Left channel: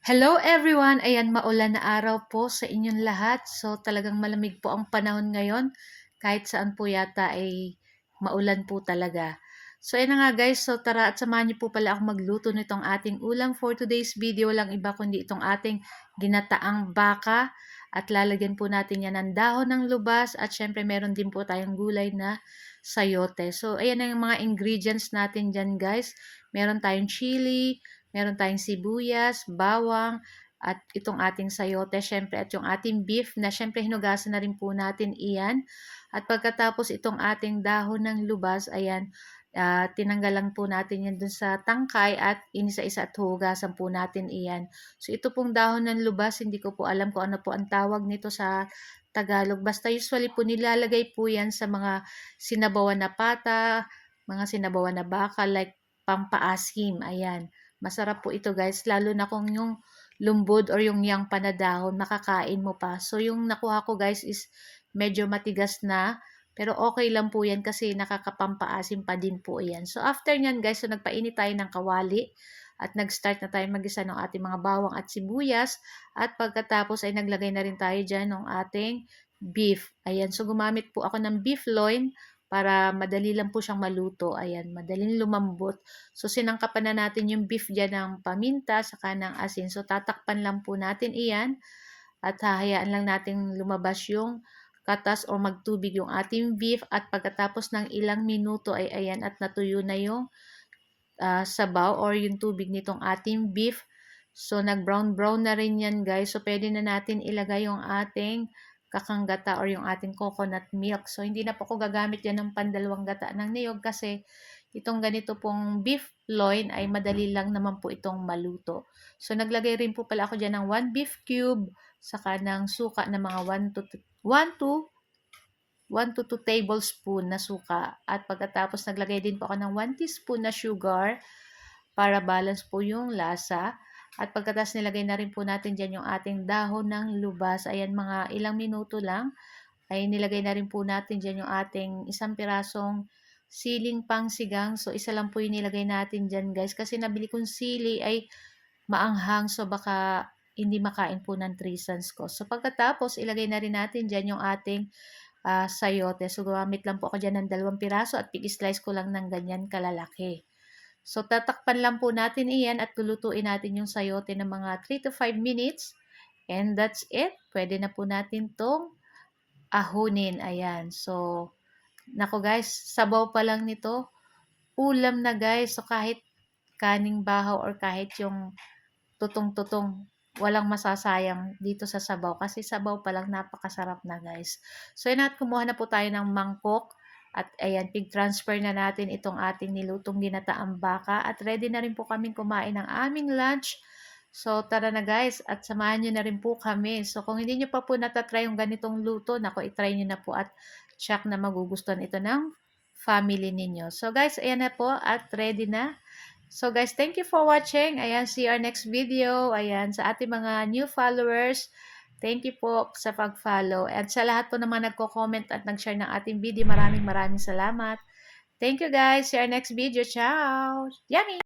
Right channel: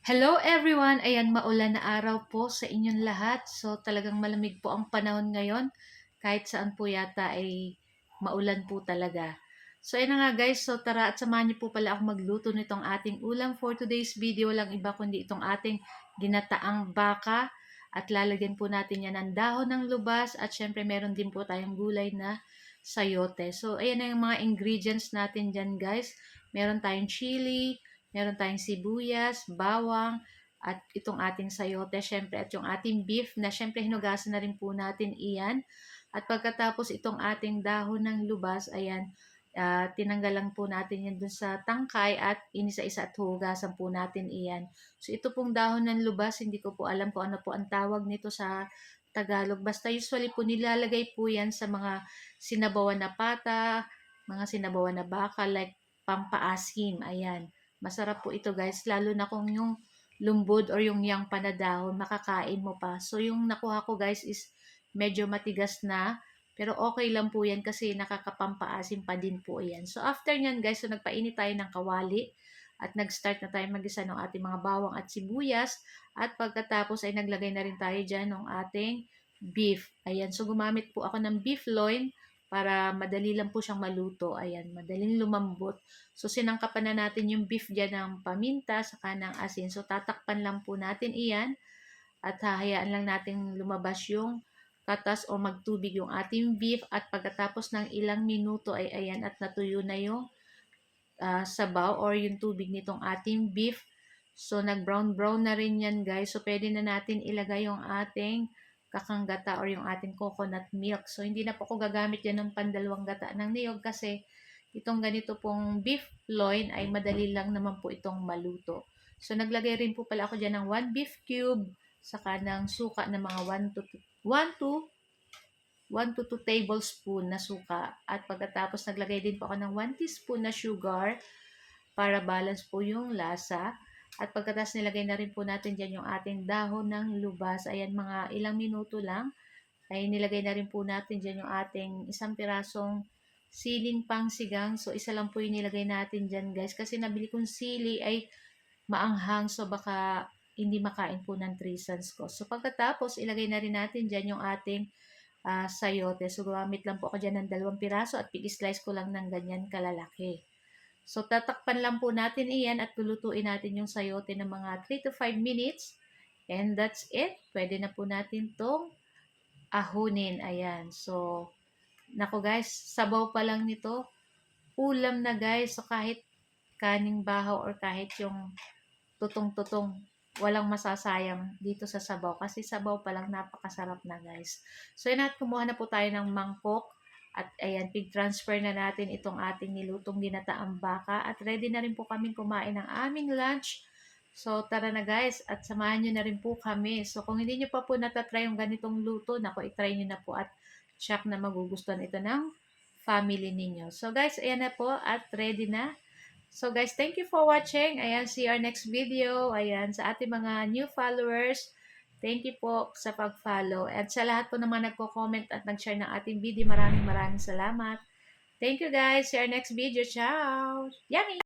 Hello everyone! Ayan, maulan na araw po sa inyong lahat. So talagang malamig po ang panahon ngayon. Kahit saan po yata ay maulan po talaga. So ayan na nga guys, so tara at samahan niyo po pala ako magluto nitong ating ulam for today's video. Lang iba kundi itong ating ginataang baka. At lalagyan po natin yan ng dahon ng lubas. At syempre meron din po tayong gulay na sayote. So ayan na yung mga ingredients natin dyan guys. Meron tayong chili, meron tayong sibuyas, bawang, at itong ating sayote, syempre, at yung ating beef na syempre hinugasan na rin po natin iyan. At pagkatapos itong ating dahon ng lubas, ayan, tinanggal lang po natin yan dun sa tangkay at inisa-isa at hugasan po natin iyan. So ito pong dahon ng lubas, hindi ko po alam kung ano po ang tawag nito sa Tagalog. Basta usually po nilalagay po yan sa mga sinabawan na pata, mga sinabawan na baka, like pampaasim, ayan. Masarap po ito guys, lalo na kung yung lumbod or yung yang panadahon, makakain mo pa. So yung nakuha ko guys is medyo matigas na, pero okay lang po yan kasi nakakapampaasim pa din po yan. So after nyan guys, so nagpainit tayo ng kawali at nag-start na tayo mag-isa ng ating mga bawang at sibuyas. At pagkatapos ay naglagay na rin tayo dyan ng ating beef. Ayan, so gumamit po ako ng beef loin para madali lang po siyang maluto. Ayan, madaling lumambot. So, sinangkapan na natin yung beef dyan ng paminta, saka ng asin. So, tatakpan lang po natin iyan at hahayaan lang natin lumabas yung katas o magtubig yung ating beef at pagkatapos ng ilang minuto ay ayan at natuyo na yung sabaw or yung tubig nitong ating beef. So, nag-brown-brown na rin yan guys. So, pwede na natin ilagay yung ating kakanggata or yung ating coconut milk. So, hindi na po ako gagamit yan ng pandalawang gata ng niyog kasi itong ganito pong beef loin ay madali lang naman po itong maluto. So, naglagay rin po pala ako dyan ng 1 beef cube, saka ng suka na mga 1 to 2 tablespoon na suka. At pagkatapos naglagay din po ako ng 1 teaspoon na sugar para balance po yung lasa. At pagkatapos nilagay na rin po natin dyan yung ating dahon ng lubas. Ayan, mga ilang minuto lang ay nilagay na rin po natin dyan yung ating isang pirasong siling pangsigang. So, isa lang po yung nilagay natin dyan guys. Kasi nabili kong sili ay maanghang. So, baka hindi makain po ng 3 sons ko. So, pagkatapos ilagay na rin natin dyan yung ating sayote. So, gumamit lang po ako dyan ng 2 piraso at pig-slice ko lang ng ganyan kalalaki. So, tatakpan lang po natin iyan at lulutuin natin yung sayote ng mga 3 to 5 minutes. And that's it. Pwede na po natin tong ahunin. Ayan. So, nako guys, sabaw pa lang nito. Ulam na guys. So, kahit kaning bahaw or kahit yung tutong-tutong, walang masasayang dito sa sabaw. Kasi sabaw pa lang napakasarap na guys. So, yun at kumuha na po tayo ng mangkok. At ayan, pig-transfer na natin itong ating nilutong ginataang baka. At ready na rin po kaming kumain ng aming lunch. So, tara na guys. At samahan nyo na rin po kami. So, kung hindi nyo pa po natatry yung ganitong luto, nako, itry nyo na po at check na magugustuhan ito ng family ninyo. So, guys, ayan na po at ready na. So, guys, thank you for watching. Ayan, see you our next video. Ayan, sa ating mga new followers, thank you po sa pag-follow. At sa lahat po naman nagko-comment at nag-share ng ating video, maraming salamat. Thank you guys. See you our next video. Ciao! Yummy!